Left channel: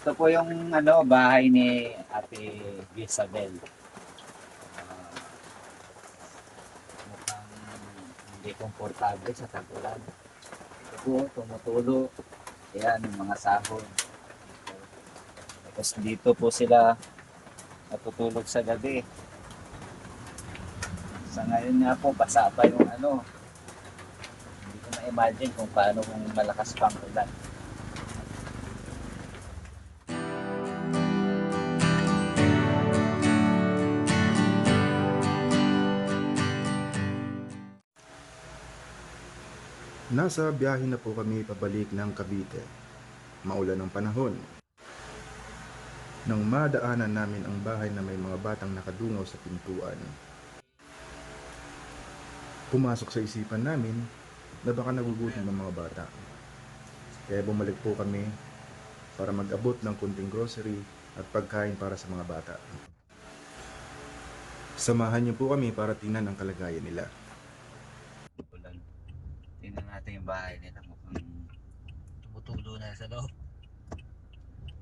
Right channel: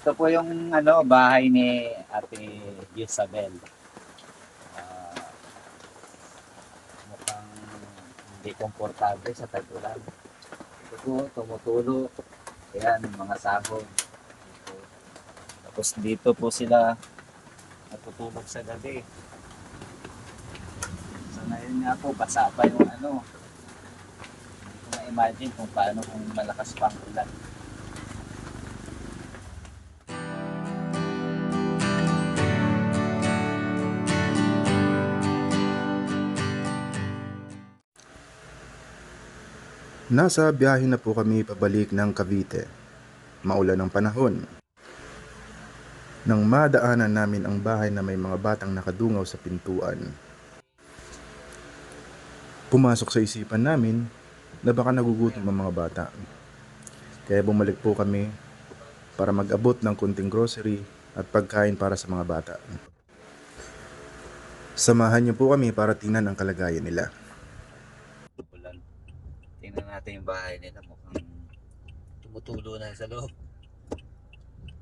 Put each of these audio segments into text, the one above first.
Ito po yung bahay ni Ate Isabel. Ah, mukhang hindi komportable sa tag-ulan. Ito po, tumutulo. Ayan, yung mga sahon. Dito. Tapos dito po sila natutulog sa gabi. Sa ngayon nga po, basa pa yung Hindi ko na-imagine kung paano kung malakas pang ulan. Nasa biyahe na po kami pabalik ng Cavite. Maulan ang panahon. Nang madaanan namin ang bahay na may mga batang nakadungaw sa pintuan. Pumasok sa isipan namin na baka nagugutom ang mga bata. Kaya bumalik po kami para mag-abot ng kunting grocery at pagkain para sa mga bata. Samahan niyo po kami para tingnan ang kalagayan nila. Ulan. Tingnan natin yung bahay nila. Mukhang tumutulo na sa loob.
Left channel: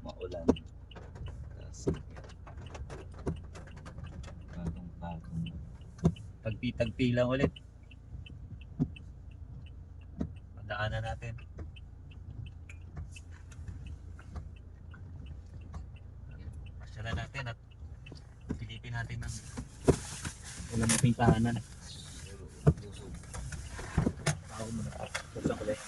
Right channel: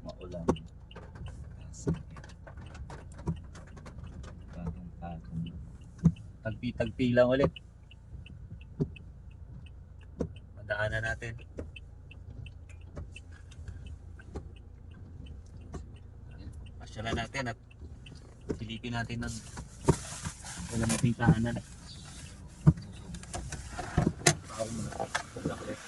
Maulan. Kasi, patong-patong. Tagpi-tagpi lang ulit. Madaanan natin. Pasyalan natin at silipin natin ng walang mating tahanan. Pao mo na. Pagsak ulit.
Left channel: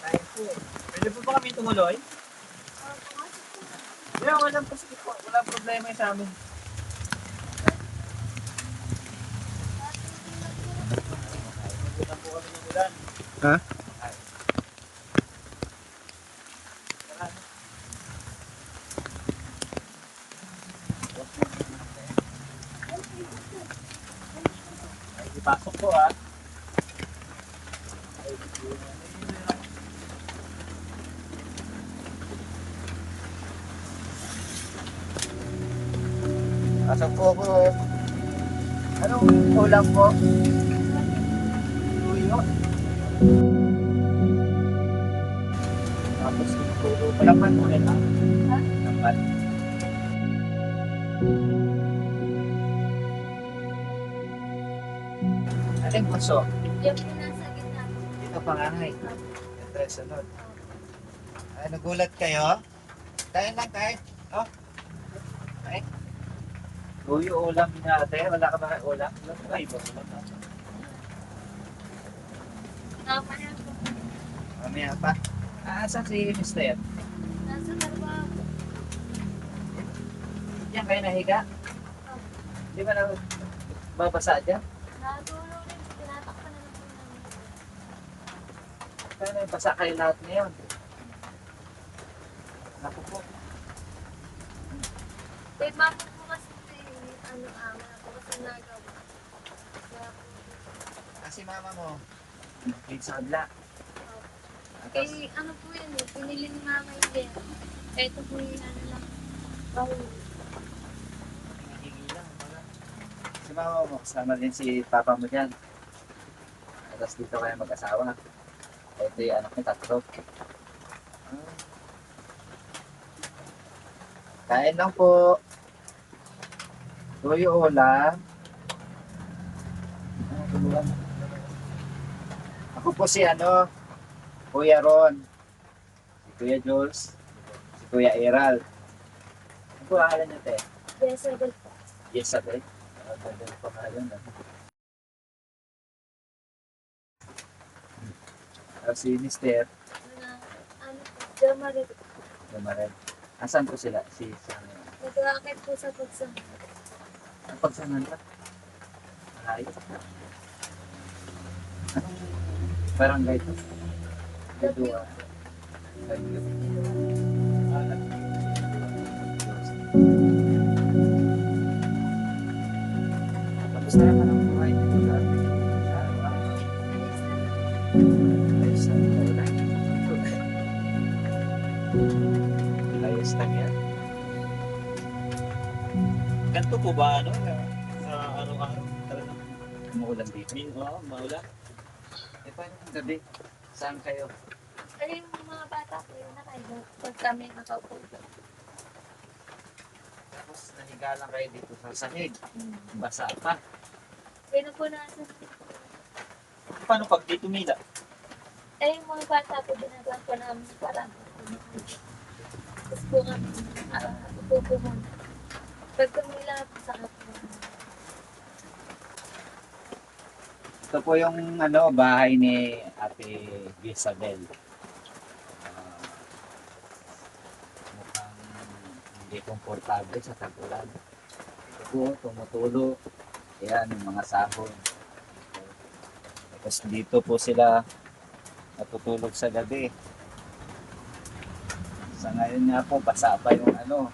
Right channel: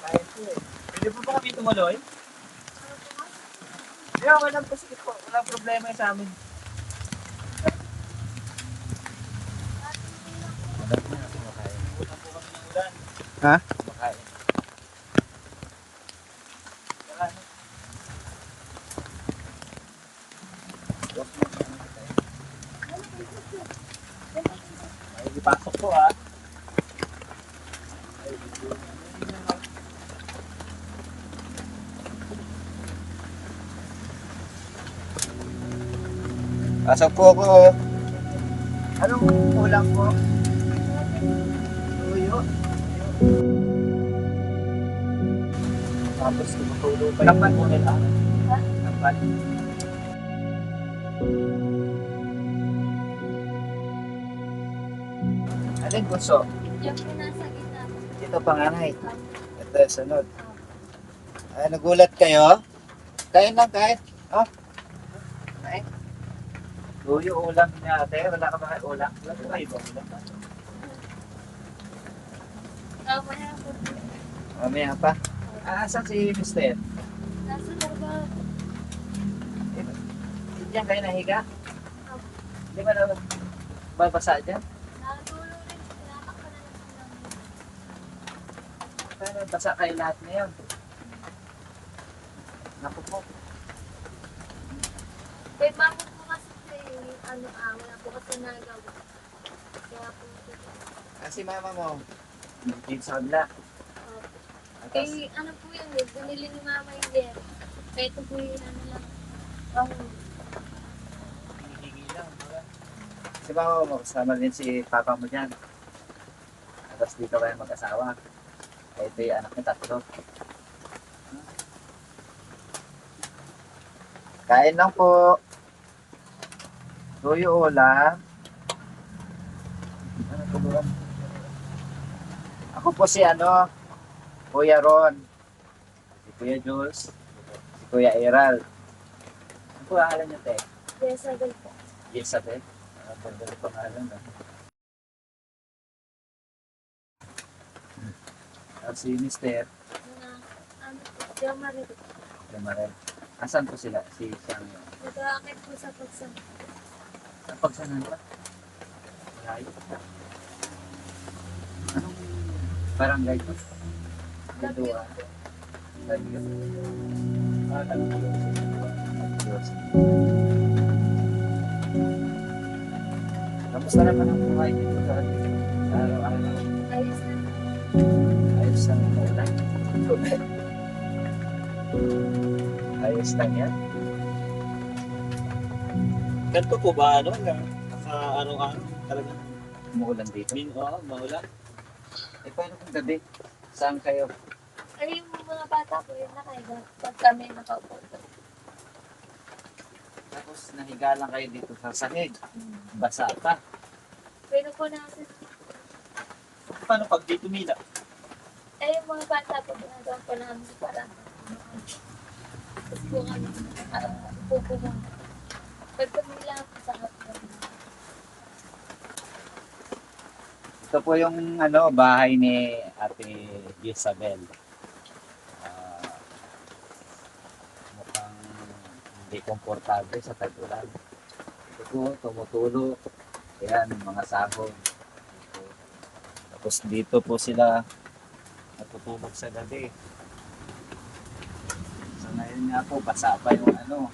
Kaya po eh. Pwede po ba kami tumuloy? Yeah, walang pasok po. Walang problema yung sa amin. Nabutan po kami ng ulan. Ha? Makain. Wala. Ay, ipasok po ah. Ay, pasok po ako. Anong ulam po? Tuyo. Tapos tumutulo. Walang pan po nila. Pan. Ano yung bunso? Yung pinasa gitna. Ito panganay. Ito yung sunod. Ah, nagulat kayo? Kain lang, kain. Oh, kain. Tuyo ulam niya ate. Wala ka ba ulam? Wala ka ba ibang ulam natin? Tapos na po. Mamaya pa. Asan si Mister? Nasa baga. Hindi diyan kayo nahiga? Hindi ba na babasa dyan? Nadulo rin. Tinatakpan na lang po namin. Sana basa kayo lahat ngayon. Naku po. Kay mama po kasi yung wala po kasi nagawa. Kaya po. Kasi mama mo. Nagpin sa kabila. Tapos, Eh, ano po yun eh. Pinili ni mama yung dero. Kaya ito po yung ano lang. Pahuli. hinihingi lang. Si mama mo, kasama din si papa mo dyan. Tapos dito kayo mag-asawa. Ito yung anak niya, tatlo. Kain lang po. Tuyo ulam. Ano tuluan? Ako po si Kuya Ron. Si Kuya Jules. Si Kuya Eral. po pangalan niyo, te? Jezabel po. Jezabel. Ang ganda ng pangalan, ah. Si Mister, Ano po, Jo Marie po. Lumaren. Asan po sila? Si Sang. Nag-aakit po sa pagsang. Ang pagsangan ba? Malayo. Anong barangay to? Lagyo Dua. po. Lagyo. Ah, Lagyo. Lagyo. Kamusta naman ang buhay dito sa araw-araw? Ayos na. Ayos lang ito lang. Ayos lang yan. Ganito po ba ano sa araw-araw talaga Umuulan dito. maulan? Eh, paano kung gabi? Saan kayo? Pero yung mga bata ko yung nakaiba. Pag kami nakaupo. Tapos nahiga lang kayo dito sa sahig. Basa pa. Pero po natin. Paano pag di tumila? Eh, yung mga bata po ginagawa po namin para tapos po kami. Upo po kami. Pag tumila po sa kapwa. Ito po yung bahay ni Ate Isabel. Ah, mukhang hindi komportable sa tag-ulan. Ito po, tumutulo. Ayan, yung mga sahon. Tapos dito po sila natutulog sa gabi. Sa ngayon nga po, basa pa yung Hindi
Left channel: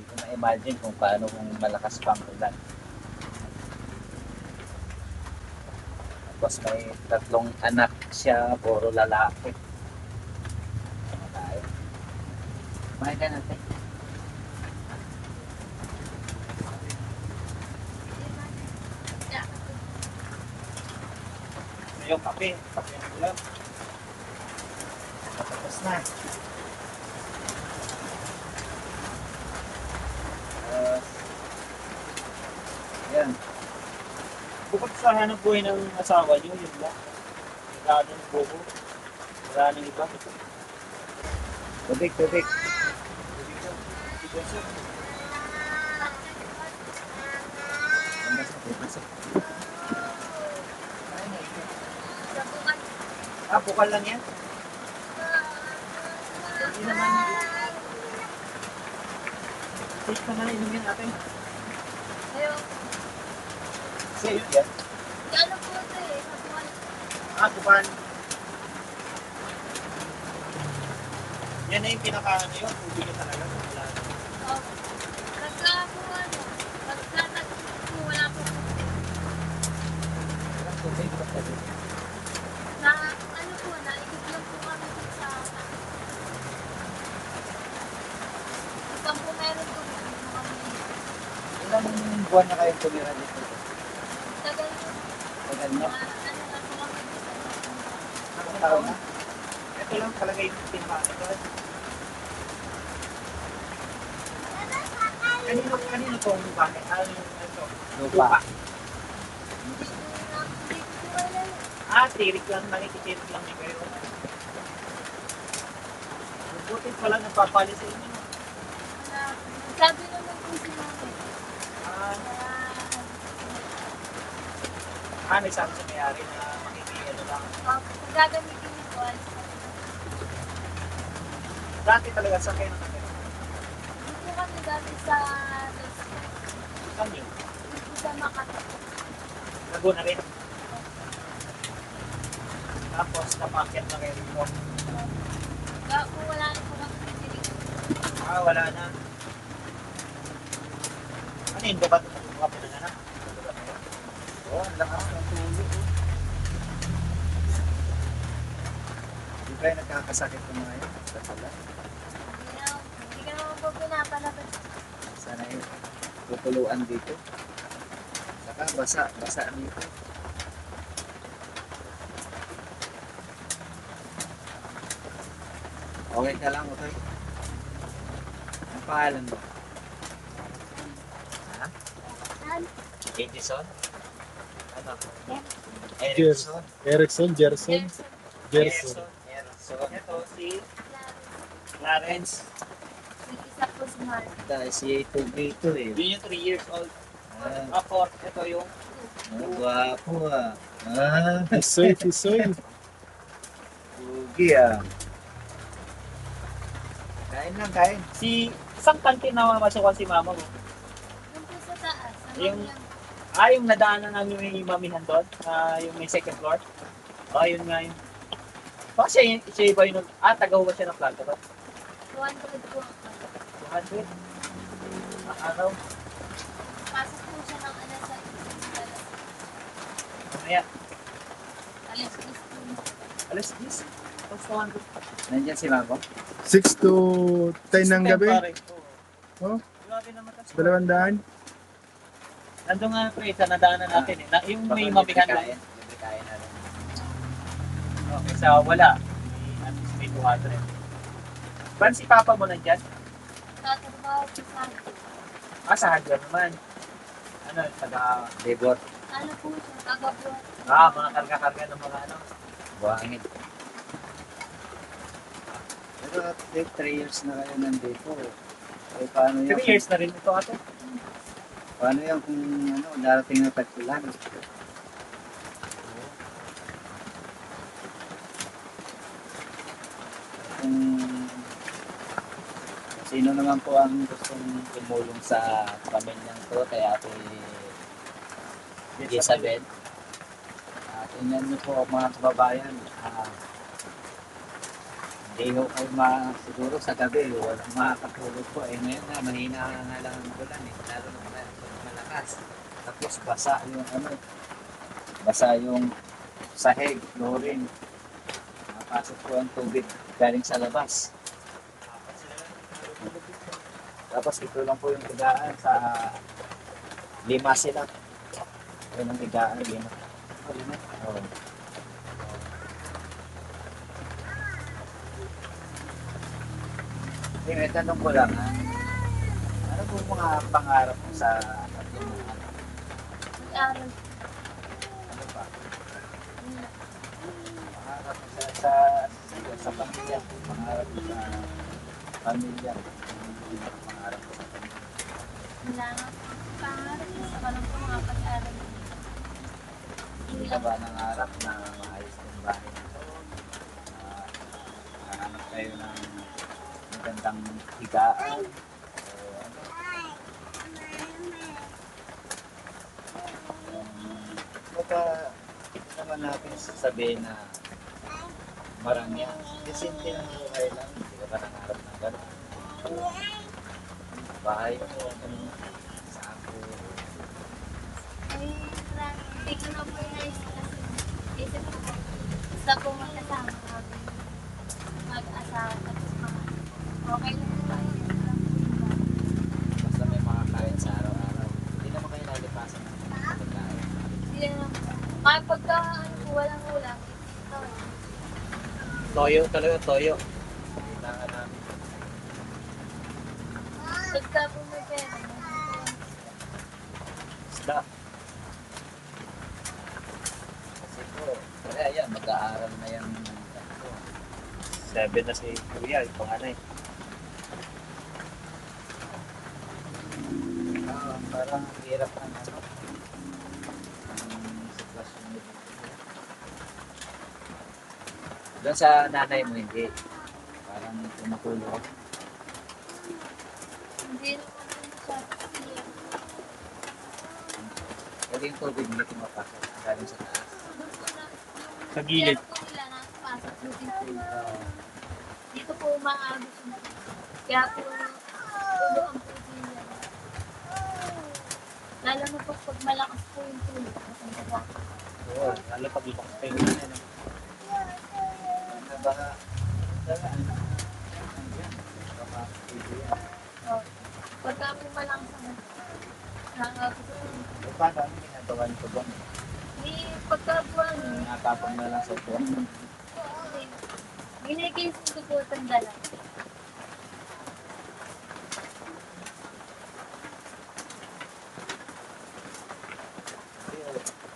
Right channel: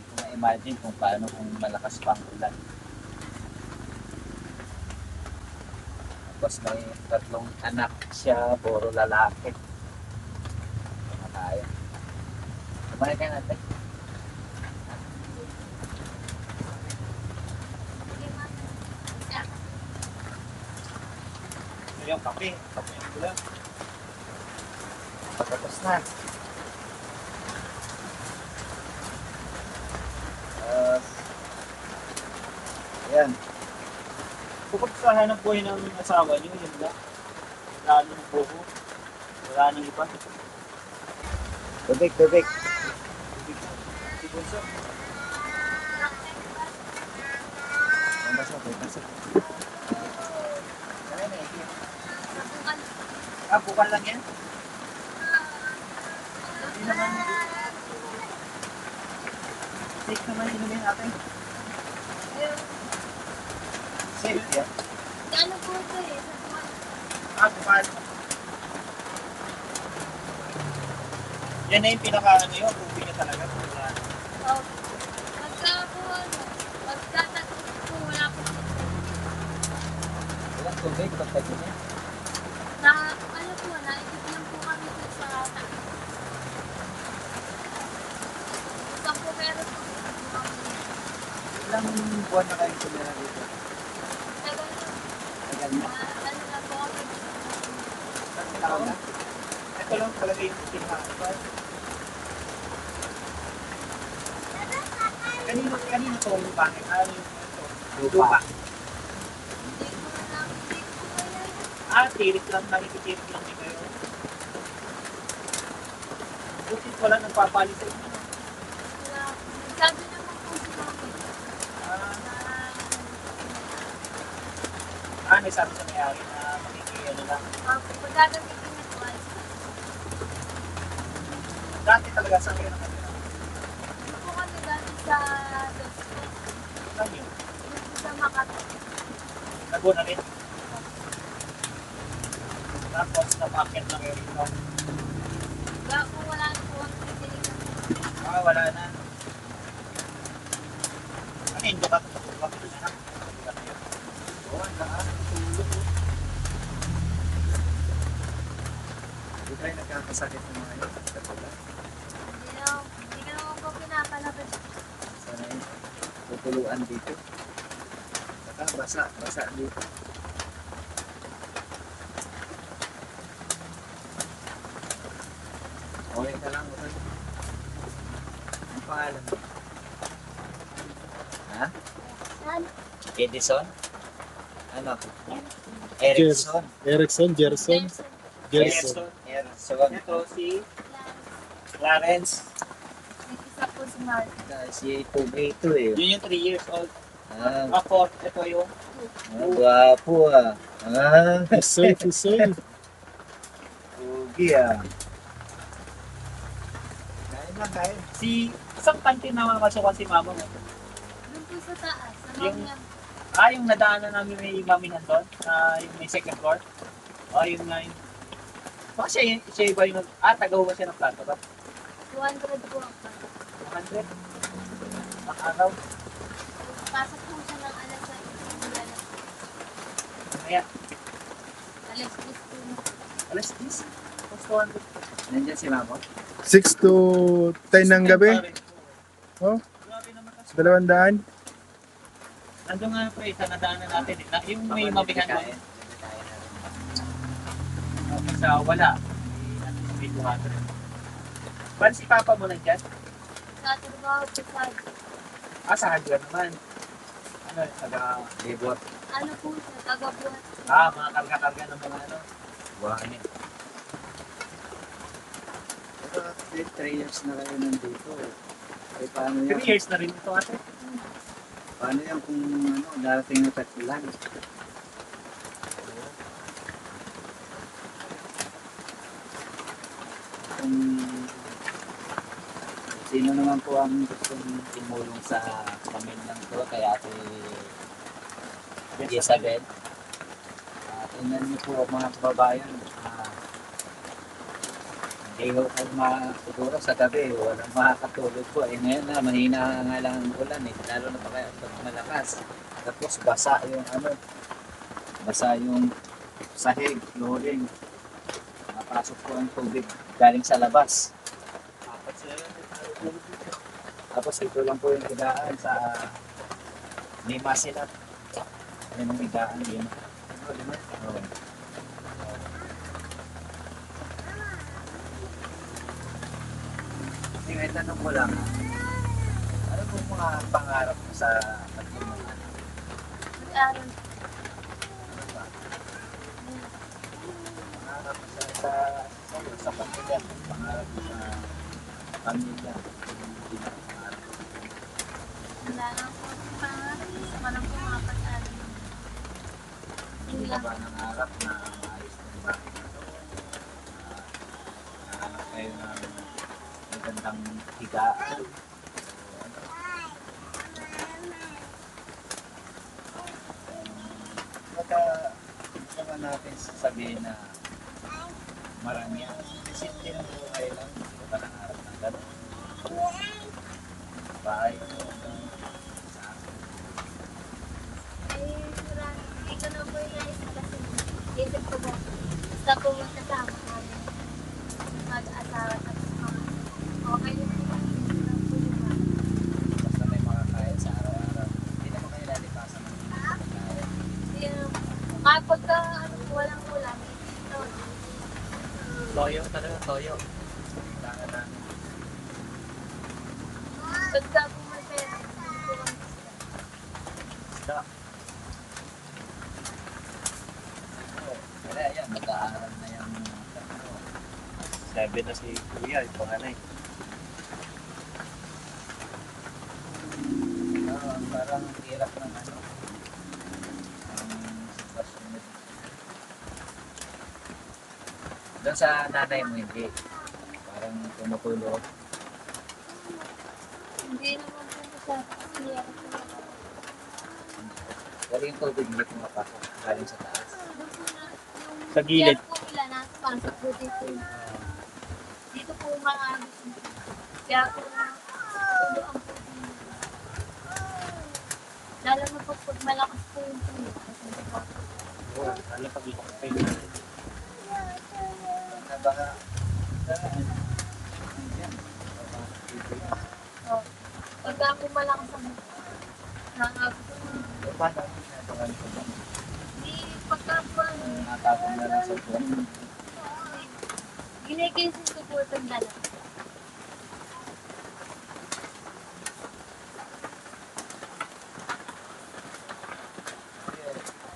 ko ma-imagine kung paano kung malakas pang ulan. Tapos may 3 anak siya, puro lalaki. Tama tayo. Kumain ka natin. Ano yung kape? Kape ng ulan. Patapos na. Ayan. Bukod sa hanap buhay ng asawa niyo, yun lang. Wala nang buko. Wala nang iba. Tubig, tubig. Si Bunso. Ang basa, may pasok. Ano na yun? Nabukan. Ah, bukal lang yan? Hindi naman. Safe naman inumin natin. Ayun. Safe yan. Di ano po ito eh. Nabukan. Ah, bukal. Yan na yung pinaka-ano yun. Tubig na talaga. Oh. Nagkapuan. Pagtatag po wala po. Tubig, pagkatubig. Na ano po, naikot lang po kami dito sa anak. Ipang po meron po mga Ilang buwan na kayo tumira dito? tagal yun. Tagal na. Ano na po kami. Ang taon na. Ito lang talaga yung pinaka-ano. Kanino to ang bahay? Ano yung ito? Lupa. Hindi ko na hindi ko po kailan yan. Ah, tirik lang. Nakikitirik lang din kayo. Buti pala nagpapalit sa inyo. No? Wala. Sabi naman po si mami. May sabi sa mayari na makikiyano lang. Pag gagamitin ni po, alis na. Dati talaga saan kayo nakatira? Dito po kami dati sa Los Pinos. Saan yun? Dito po sa Makati. Laguna rin. Tapos napakit na kayo rito. Kung wala na po kami titirigan. Ah, wala na. Ano yun? Doon ka tumakbo ka na na? Doon ka tayo? Oo, ang lakas ng tulog. Hindi kayo nagkakasakit ng mga ito. Hindi ka naman po pinapalabas. Sana yun. Tutuluan dito. Saka basa. Basa dito. Okay ka lang. Okay. Ang pangalan mo? Ha? Saan? Edison? Ano? Erickson. Erickson? Gerson. Gerson. Erickson. Ito si Clarence. Isa po si Mark. Si Pogi ito eh. Yun yung 3 years old. Ah, Ako, ito yung gwapo ah. Ah, Pisoy, pisoy. Pogi ah. Kain lang, kain. si isang kantin na mamasukan si mama mo. Doon po sa taas. Sa Yung- Mamiang. Yung nadaanan namin may mamihan doon, yung may second floor. Yun nga yun. Baka siya iba yun. Tagaw ba siya ng plato ba? 200 po ako. 100? Ang araw? Pasok po siya ng alas 7. Mamaya. Alas 10 po. Alas 10. Tapos 200. Nandiyan si Mama. 6 to 10 ng gabi. Oh. Grabe naman tas. 200. Nandun nga pre, sa nadaanan natin eh. Yung may mamihan doon. Kain natin. Sa wala. At least may 200. Ba't si papa mo nandyan? Tatrabaho po sa Sa hardware naman. Ano, taga... Labor. ano po siya, kagabuhat. Mga karga-karga ng mga ano. Buhangin. Pero 3 years na kayo nandito. Eh, paano 3 yan? years na rin ito ate. Paano yan kung darating na tagpulan? Kung sino naman po ang gustong tumulong sa pamilyang to, kaya ako ni Isabel. Tingnan niyo po mga kababayan. Hindi ko kayo siguro sa gabi, walang makakatulog po. Ngayon na, mahina nga lang ang ulan eh. Lalo na pa kaya pag malakas. Tapos basa yung sahig, flooring. Napasok po ang tubig galing sa labas. Tapos ito lang po yung higaan sa lima sila. Yung higaan, lima. Lima. Oo. Yung tanong ko lang, ano po mga pangarap mo sa tatlong mga anak? Nag-aaral Ano ba? Pangarap mo sa'yo, sa pamilya mo, pangarap mo sa pamilya, yung pangarap mo sa pamilya. Wala na po. Pangarap ko sa kanang po mga pag-aaral. Hindi ka ba nangarap na maayos ng bahay na to? Nangarap kayo ng magandang higaan? O ano? Ano ba naman natin sasabihin na marami yan? Kasi simple lang yung buhay lang. Hindi ka ba nangarap ng gano'n? Bahay mo, ano, sa ako. Ay, hindi ko na po naisip kasi isip ko po. Basta po magkasama namin mag-asawa tapos mga okay lang po. Ayun lang po yung bahay. Basta may mga kain sa araw-araw. Hindi naman kayo lalipasan ng pagkain. Hindi naman po. Kahit pagka ano po, walang ulam. Ito, Toyo talaga, toyo. Kita ka na. pagka po may pera, hindi po kami Isda. Siguro, kaya yan, mag-aaral na yan. 7 na si Kuya, yung panganay. Parang hirap na ano. Ang sitwasyon nito. Doon sa nanay mo, hindi. Parang tumutulog. Hindi naman po masyado clear. Wala yung tubig, hindi tumapasok. Galing sa taas. Doon po na, yung Sa gilid. yan po nila nakapasok po dito. Dito po maagos na. Kaya po, tulo ang po nila. Lalo na po pag malakas po yung tulog. Kasi diba, Oo, ano pag-ikot kayo na. Baka, saan? Ayan, papasok dito yan. oh, pagka po malakas ang nakagos po. Eh, paano ang ginagawa nito ba? Di pagka po ano, Nakatapang na lang sa buwan. ginigaysin ko po itong dala.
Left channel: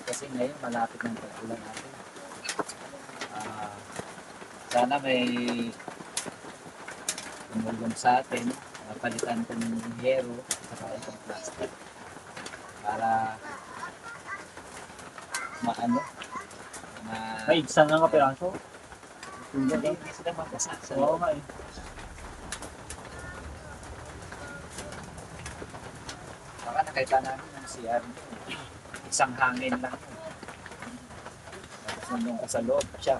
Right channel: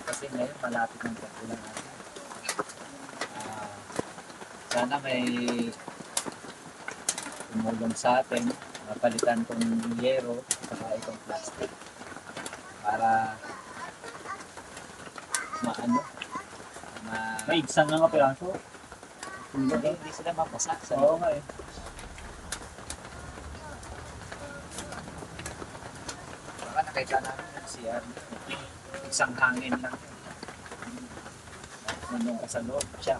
Kasi ngayon malapit ng pagkulang natin. Sana may tumulong sa atin Napalitan kong yero saka itong plastic para maano Maigsan nga nga piraso. hindi sila mabasa sa Oo loob. nga eh. Baka nakita namin yung CR isang hangin lang sa loob siya.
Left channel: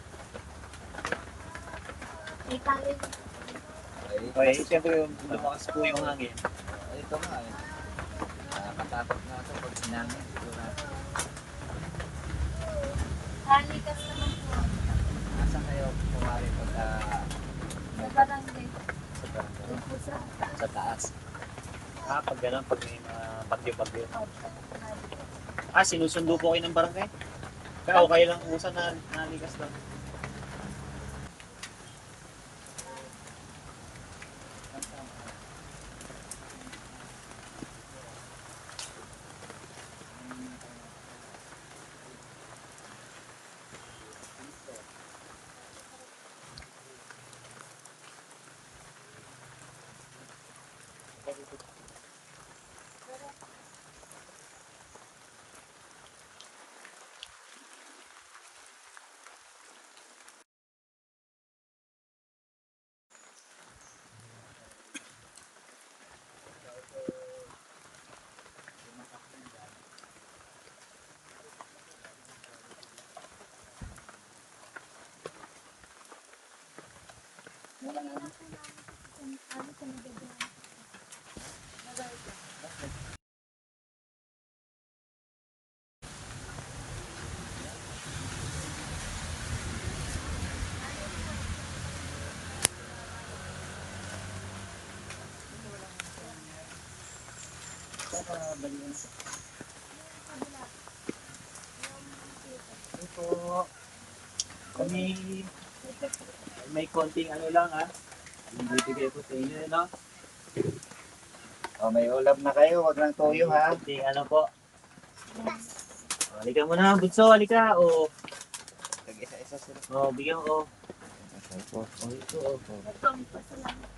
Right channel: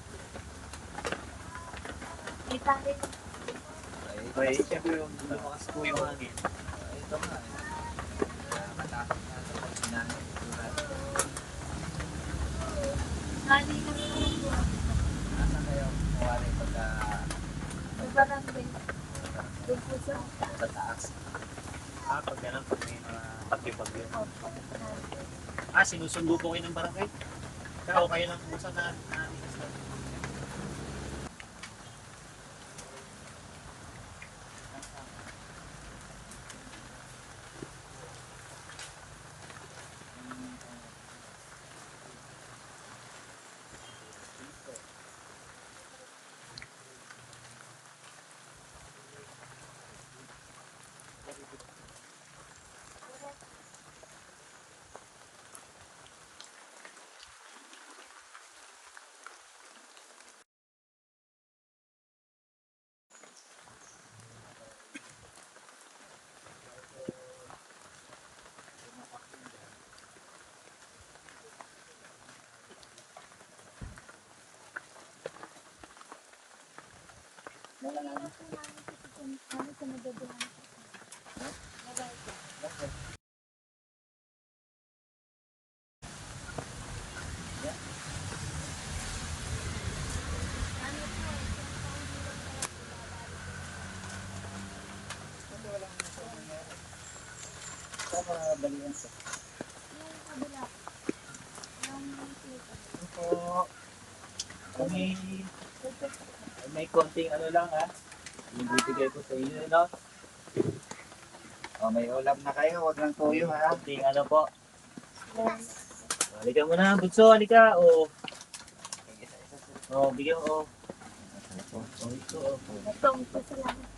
May tali. Okay, siyempre yung lumakas po yung hangin. Ito nga eh. Matakot nga sa pag sinangin. Tali ka naman po. Saan kayo kumari pagka Sa barangay. Doon po sa sa taas? Pag gano'n, pag may bagyo-bagyo. Opo. Sinusundo po kayo ng barangay? Kaya kayo lang usa na nanigas na. Ano po? Kami may konting ano lang yung bibigay ko sa inyo, no? O may ulam na kayo, wag lang tuyo ha. Konting ano po. Halika muna, bunso, halika. Isa-isa sila. Bigyan ko. Ito, Itong pasalamat.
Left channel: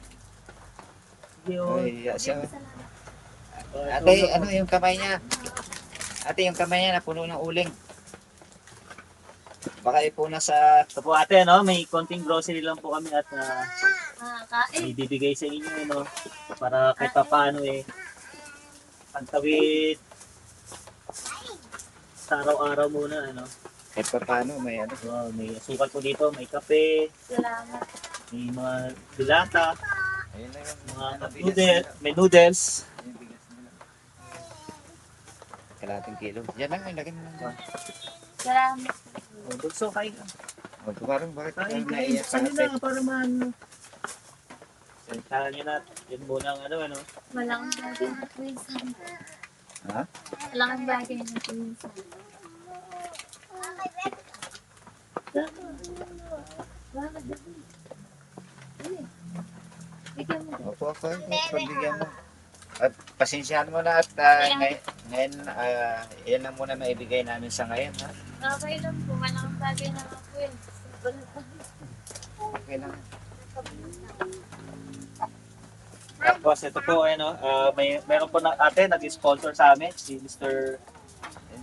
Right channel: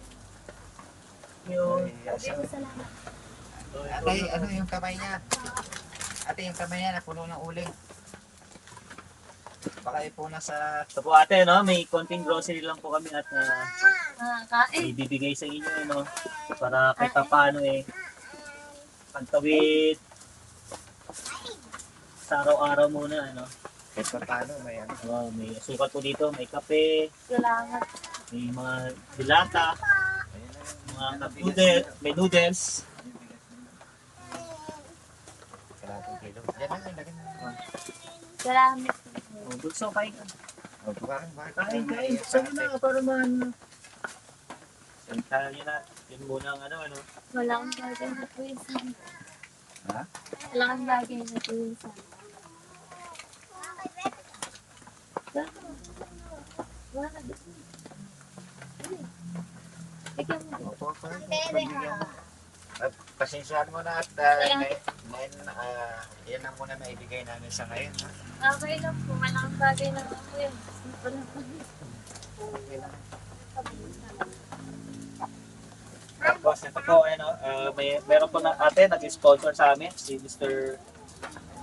Sige, Ay, Sabi siya- ko salamat. Ate, ano yung kamay niya? Ate, yung kamay niya napuno ng uling. Baka ipuna sa... Ito po ate, no? May konting grocery lang po kami at Kain. may bibigay sa inyo, no? Para kahit paano pantawid sa araw-araw muna, ano? Kahit pa paano, may ano. May asukal po dito, may kape, Salamat. may mga dilata, Ayun na yung mga ano, noodles, may noodles. Kalating kilo. Yan lang, ang laki mo. Salamat. Bunso, kain ka. O, tumarang bakit? Kain. Saan na para man... Sentahan nyo na. Yun muna ang ano. Walang bagay na po yung sana. Ha? Walang bagay na po yung sana. Bakit? Ay. Ikaw mo. O, tuwa ko. Pagbigyan mo. At pasensyahan mo na at ngayon, yan lang muna maibigay namin sa ngayon. Ha? Okay lang po. Walang bagay na po yun. Simple na po. Okay lang. Tapos ito po, meron po na ate, nag-sponsor sa amin, si Mr.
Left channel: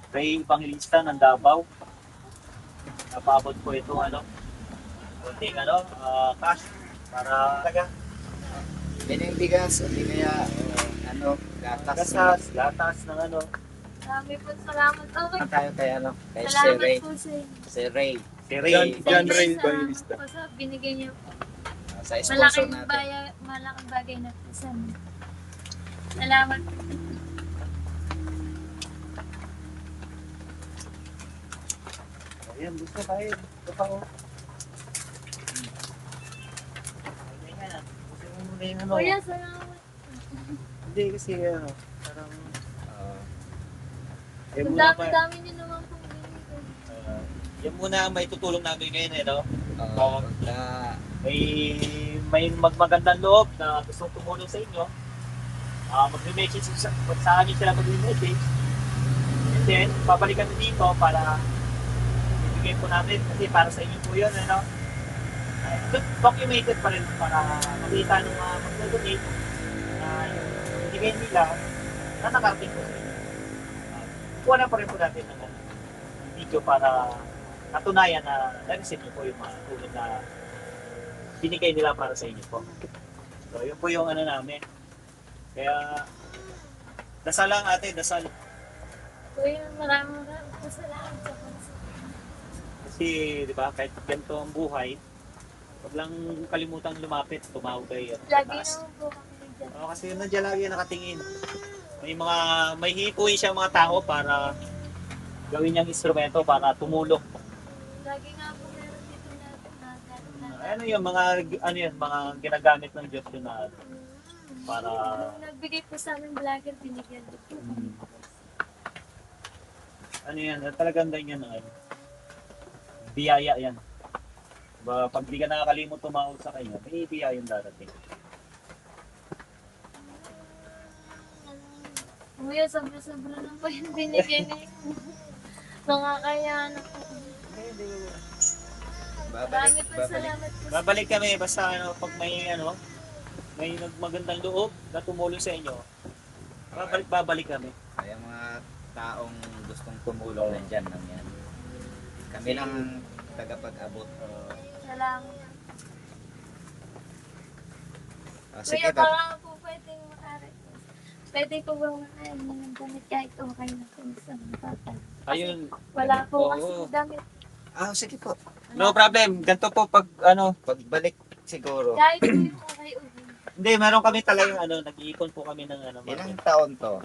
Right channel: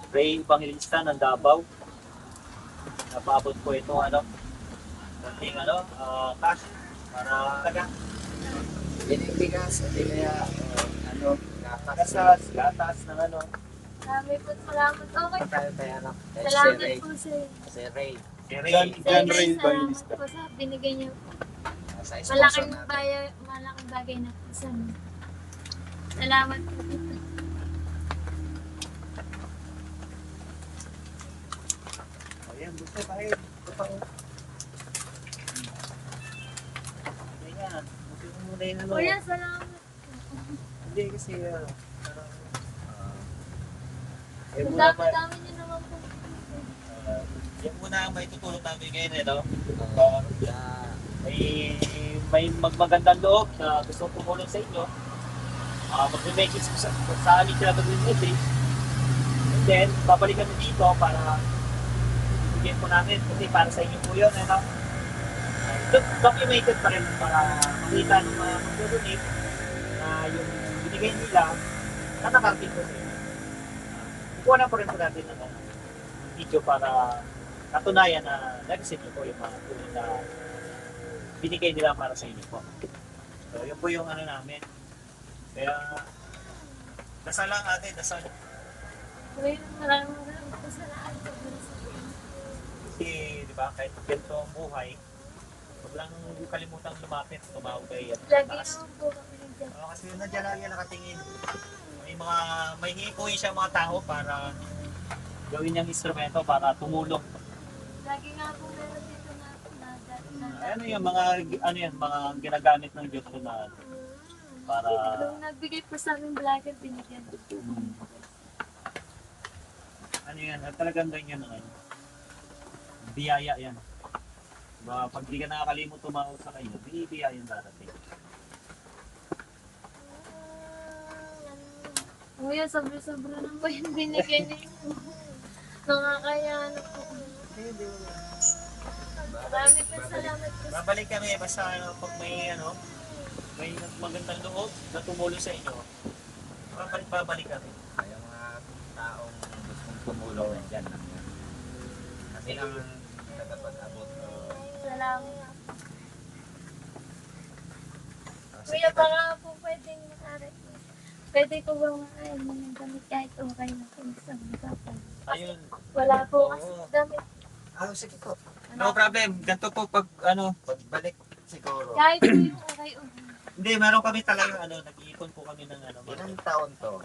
Ray Evangelista ng Davao. Napaabot po ito, konting cash para Yan yung bigas. Hindi kaya, gatas. gatas ng Marami po salamat. Okay. Kaya ano, kay si Salamat Ray. po sa inyo. Si Ray. si Ray. John Ray Salamat Evangelista. po sa binigay niyo po. Sa sponsor Malaking natin. bagay na po sa amin. Salamat po. Ayan, dito tayo. Ito pa Hindi nga. Kasi mo muna yung Kuya, salamat. Hindi kasi parang... Yan Ang muna dami-dami niyo naman po binigay. yan muna ang may tutulong namin ngayon, Ah, may magmagandang loob na gusto tumulong sa inyo. Mag-message sa amin sila mag-message. And then, babalikan na dito para ibigay po namin kasi para sa inyo po yun, documented pa rin para makita ng mga mag-donate binigay nila na nakarating po sa inyo. Kukuha na pa rin po natin ng video para katunayan na na-receive niyo po yung mga tulong na binigay nila para sa inyo po. So, yun po yung ano namin. Kaya, dasal lang natin, dasal. Kuya, maraming po salamat sa puso. Kasi, di ba, kahit ganito ang buhay, huwag lang kalimutang lumapit, tumawag kayo. Lagi naman po kami nandiyan. Kasi yun nandiyan lagi nakatingin. May hipuin siyang mga tao para gawin niyang instrumento para tumulong. Lagi nga po meron dito na Ano yung mga ginagamit ng Diyos yun na para Nung nagbigay po sa amin vlogger, binigyan din po. ano yan, talagang ganyan ang biyaya yan. Diba, pag di ka nakakalimot tumawag sa kanya, may biyayang darating. Kuya, sobra-sobra lang po yung binigyan niyo. Nakakaya na po. Marami po salamat po. Babalik kami basta pag may magandang loob na tumulong sa inyo. Babalik kami. Ay, ang mga taong gustong tumulong nandyan lang yan. Kami lang tagapag-abot. Salamat. Sige, Kuya, baka po pwedeng makarequest. Pwede ko ba makain mo ng damit kahit okay na po sa mga bata? Ayun. Wala po Oo. kasi damit. sige po. No problem. Ganito po pag Pagbalik siguro. Kahit po yung okay o hindi, meron kami talaga nag-iipon po kami ng Ilang taon to?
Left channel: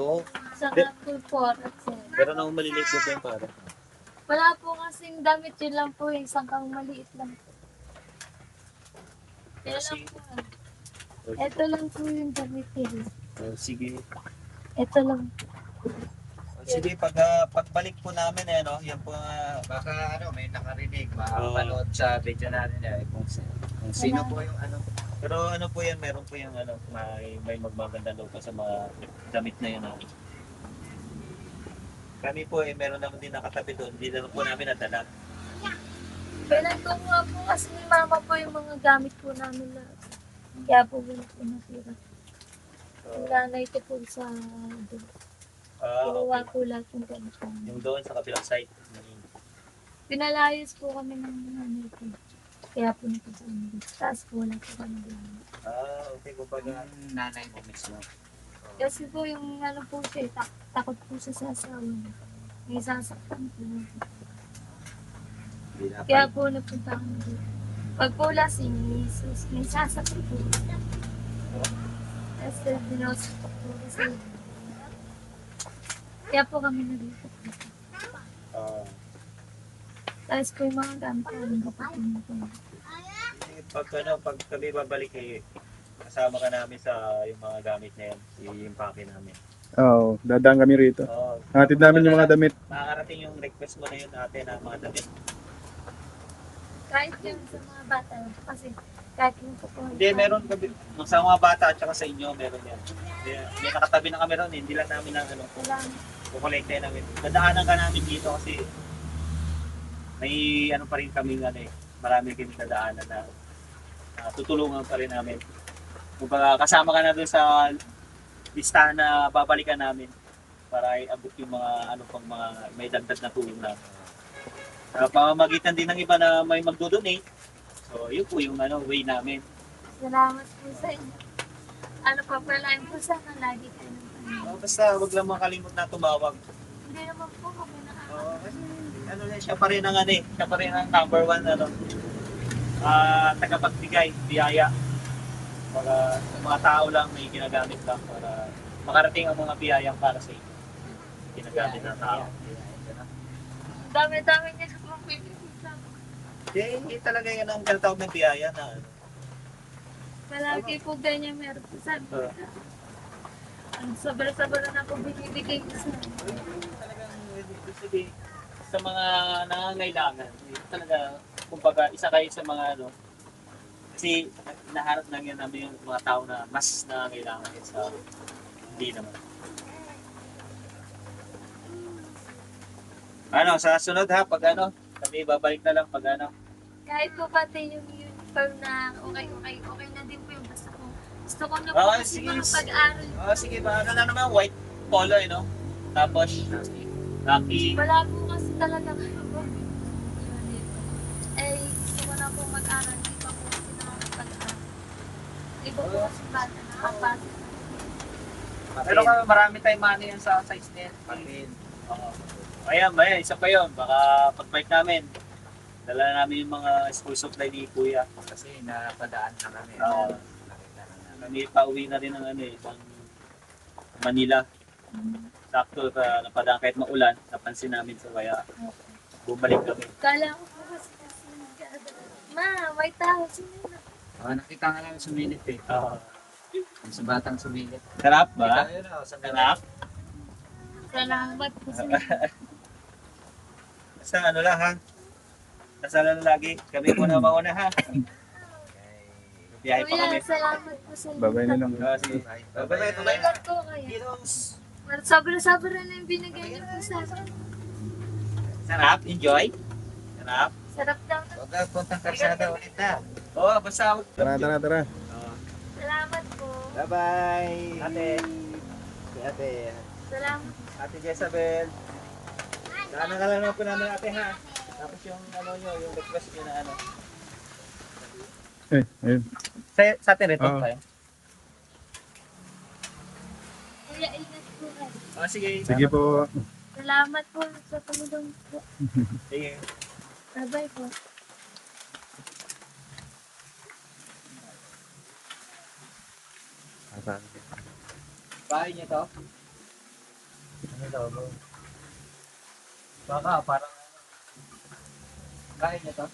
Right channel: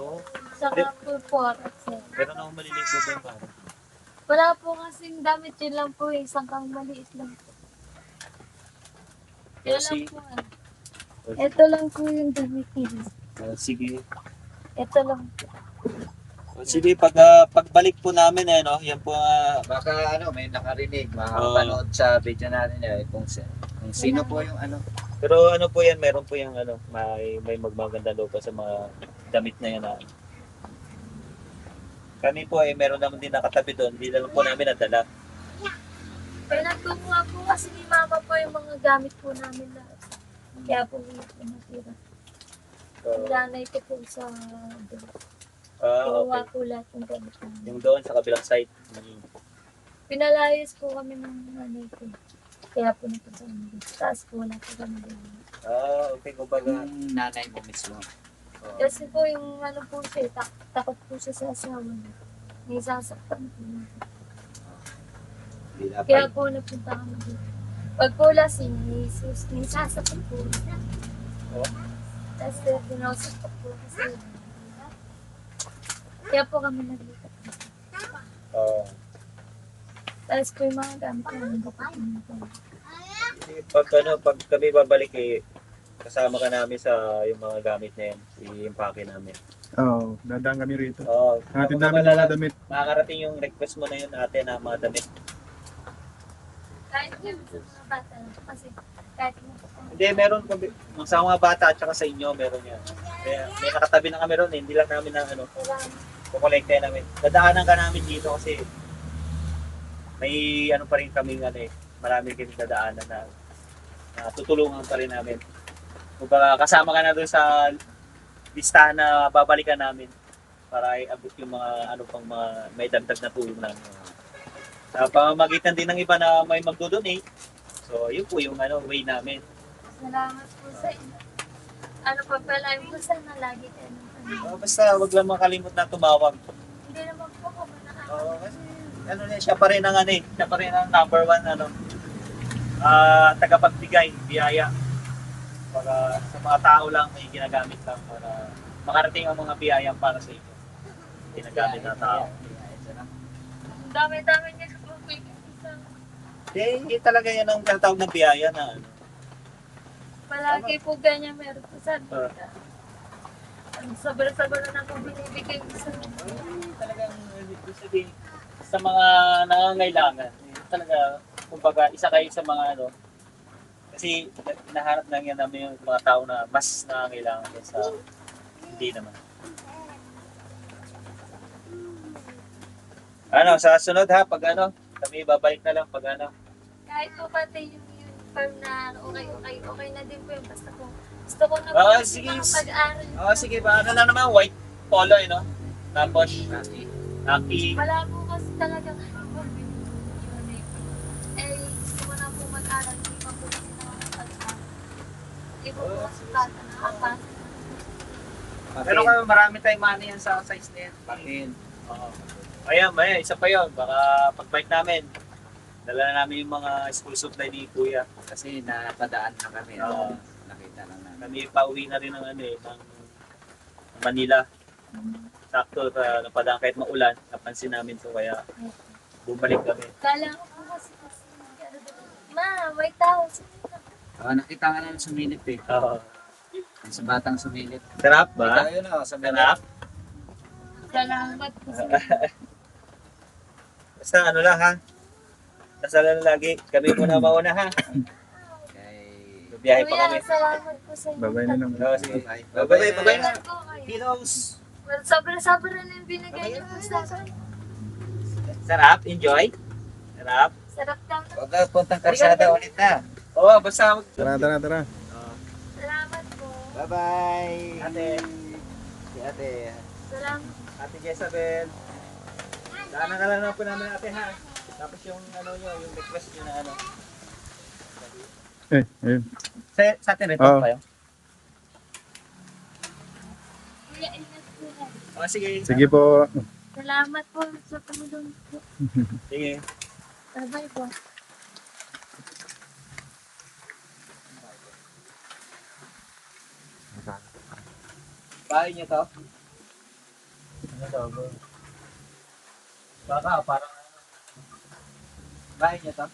2? saka po 4 at 7. pero nung maliliit po yan para. Wala po kasing damit, yun lang po yung sangkang maliit lang po. Yun lang Kasi, po. Ito lang po yung damit nila. sige. Ito lang po. Sige, pagbalik po namin yan po Baka may nakarinig, makapanood sa video natin kung sino po yung pero po yan, meron po yung may magmaganda daw pa sa mga damit na yan. Kami po meron naman din nakatabi doon, hindi na lang po namin nadala. Pinagkukuha po kasi ni mama po yung mga gamit po namin lahat. Kaya po wala po natira. Ang lanay ko po sa doon. Kuha Okay. po lahat yung gamit namin. Yung doon sa kabilang side. Pinalayos po kami ng nanay ko. Kaya po napunta kami dito. Taas po wala po kami doon. Okay, kumbaga. nanay mo mismo. Kasi po yung po siya, takot po siya sa asawa niya. May sasaktan po. Kaya po napunta kami dito. Pag po lasing, may sasaktan po. Oh. Tapos dinausap po kasi. Kaya po kami nalipat. Tapos po yung mga gamit namin kapag po. Pag kami babalik kasama ka namin sa yung mga gamit na yan, i-impake namin. Oo, dadaan kami rito. Hatid Kung namin yung mga baga, damit. Makakarating yung request mo na yun ate na mga damit. Kahit yun sa mga bata kasi kahit mo po po. Hindi, meron kami. Sa mga bata at saka sa inyo, meron yan. Kaya may nakatabi na kami ron, hindi lang namin ng Kailangan. kukolekte namin. Dadaanan ka namin dito kasi may pa rin kami marami kami dadaanan na tutulungan pa rin namin. Kung kasama ka na doon sa listahan na babalikan namin para i-abot yung mga pang mga may dagdag na tulong namin. Pamamagitan din ng iba na may magdo-donate. So, yun po yung way namin. Salamat po sa inyo. Pa pala yun po sana lagi kayo ng Panginoon. Basta huwag lang makalimot na tumawag. Hindi naman po kami Kasi siya pa rin ang siya pa rin ang number 1 tagapagbigay, biyaya. Para sa mga tao lang may ginagamit lang para makarating ang mga biyayang para sa inyo. Ginagamit ng tao. Ang dami-dami niya sa pagpipili sa Hindi talaga yan ang tinatawag ng biyaya na palagi po ganyan meron po sabi ka. Ang sobra-sobra na po binibigay ko sa talagang ibig sabihin sa mga nangangailangan. Talaga, kumbaga, isa kayo sa mga kasi naharap lang yan namin yung mga tao na mas nangangailangan sa hindi naman. Sa sunod pag kami babalik na lang pag kahit po pati yung uniform na okay na din po yung basta po Gusto ko na po Ah, kasi sige. makapag-aral. Sige ba? Ano lang naman, white polo, Tapos, Naki. Wala po kasi talaga eh, gusto ko na po mag-aral. Hindi pa po kasi nakapag-aral. Iba po kasi bata, nakapasok. Pero kung marami tayong money yan sa size na yan. Oo. Ayan, isa pa yun. Baka pagbike namin, dala na namin yung mga school supply ni Kuya. Kasi nakadaan na kami. Oo. Nakita na namin. Kami pauwi na rin ng ng Manila. Sakto, napadaan kahit maulan, napansin namin so kaya bumalik kami. Kala ko po kasi ma, may tao. Sino yun? Nakita nga lang sumilip eh. Oo. Sa batang sumilip. Sarap ba? Ayun o, sa Sarap? Salamat po sa Basta ano lang ha. Basta lang lagi. Kami muna mauna ha. Biyahe pa Kuya, kami. salamat po sa inyo. Babay na lang. Sige. Bye-bye. Ingat po kayo. Kilos. Sobra-sobra na yung binigay niyo po sa akin. Sarap? Enjoy? Sarap? Sarap daw. Huwag kayo puntang karsada ulit ha. Oo, basta Tara, tara, tara. Salamat po. Bye-bye. Ate. Si ate. Salamat. Ate Jezabel. Dama ka lang po namin ate ha. Tapos yung yung request nyo na Ayun. Sa atin rin Oo. tayo. Kuya, ingat po kayo. Sige. Sige po. Salamat po sa tumulong po. Sige. Bye-bye po. Bahay niyo to? Ano daw bro? Baka parang bahay niyo to?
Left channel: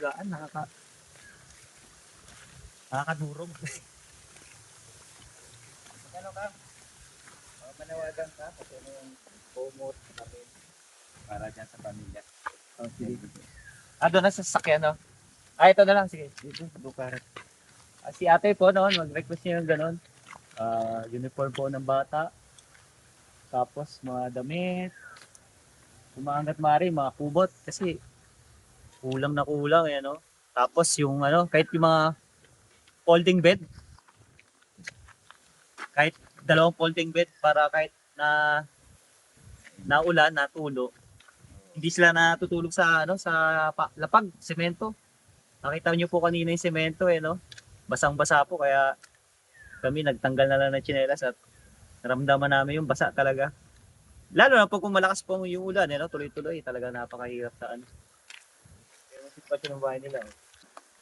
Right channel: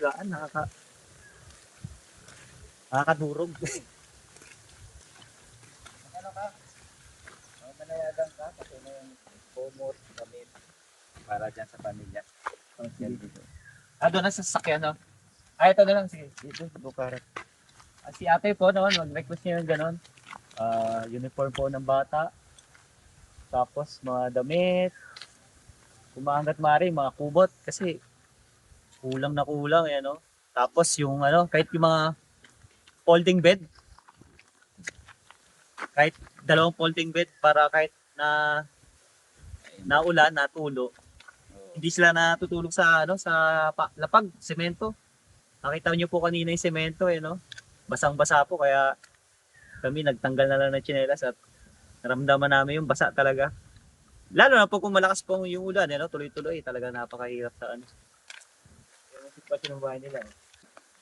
Higaan, nakakadurog. Ano ka? Manawagan ka kasi na yung homework kami para dyan sa pamilya. Doon na sa sasakyan, no? Ito na lang, sige. Dito, bukarat. Si ate po, mag-request niya yung gano'n. Uniform po ng bata. Tapos, mga damit. Kumaangat mari, mga kubot. Kasi, kulang na kulang, no? Tapos, yung, kahit yung mga folding bed. Kahit dalawang folding bed para kahit na naulan, natulo. Hindi sila natutulog sa lapag, semento. Nakita niyo po kanina yung semento no. Basang-basa po kaya kami nagtanggal na lang ng tsinelas at naramdaman namin yung basa talaga. Lalo na po kung malakas po yung ulan tuloy-tuloy talaga napakahirap sa yung sitwasyon ng bahay nila.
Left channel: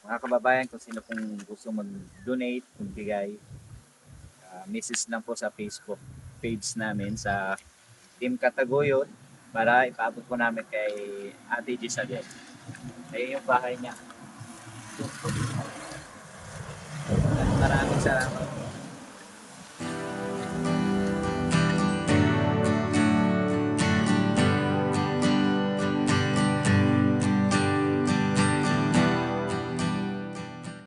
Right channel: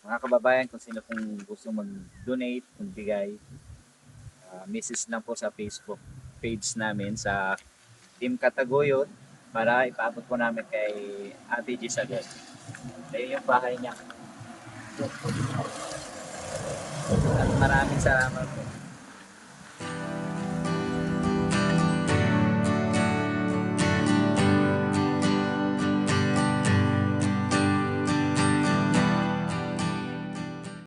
Mga kababayan, kung sino pong gusto mag-donate, magbigay, message lang po sa Facebook page namin sa Team Kataguyod para ipaabot po namin kay Ate Jezabel. Ayun yung bahay niya. At maraming salamat po.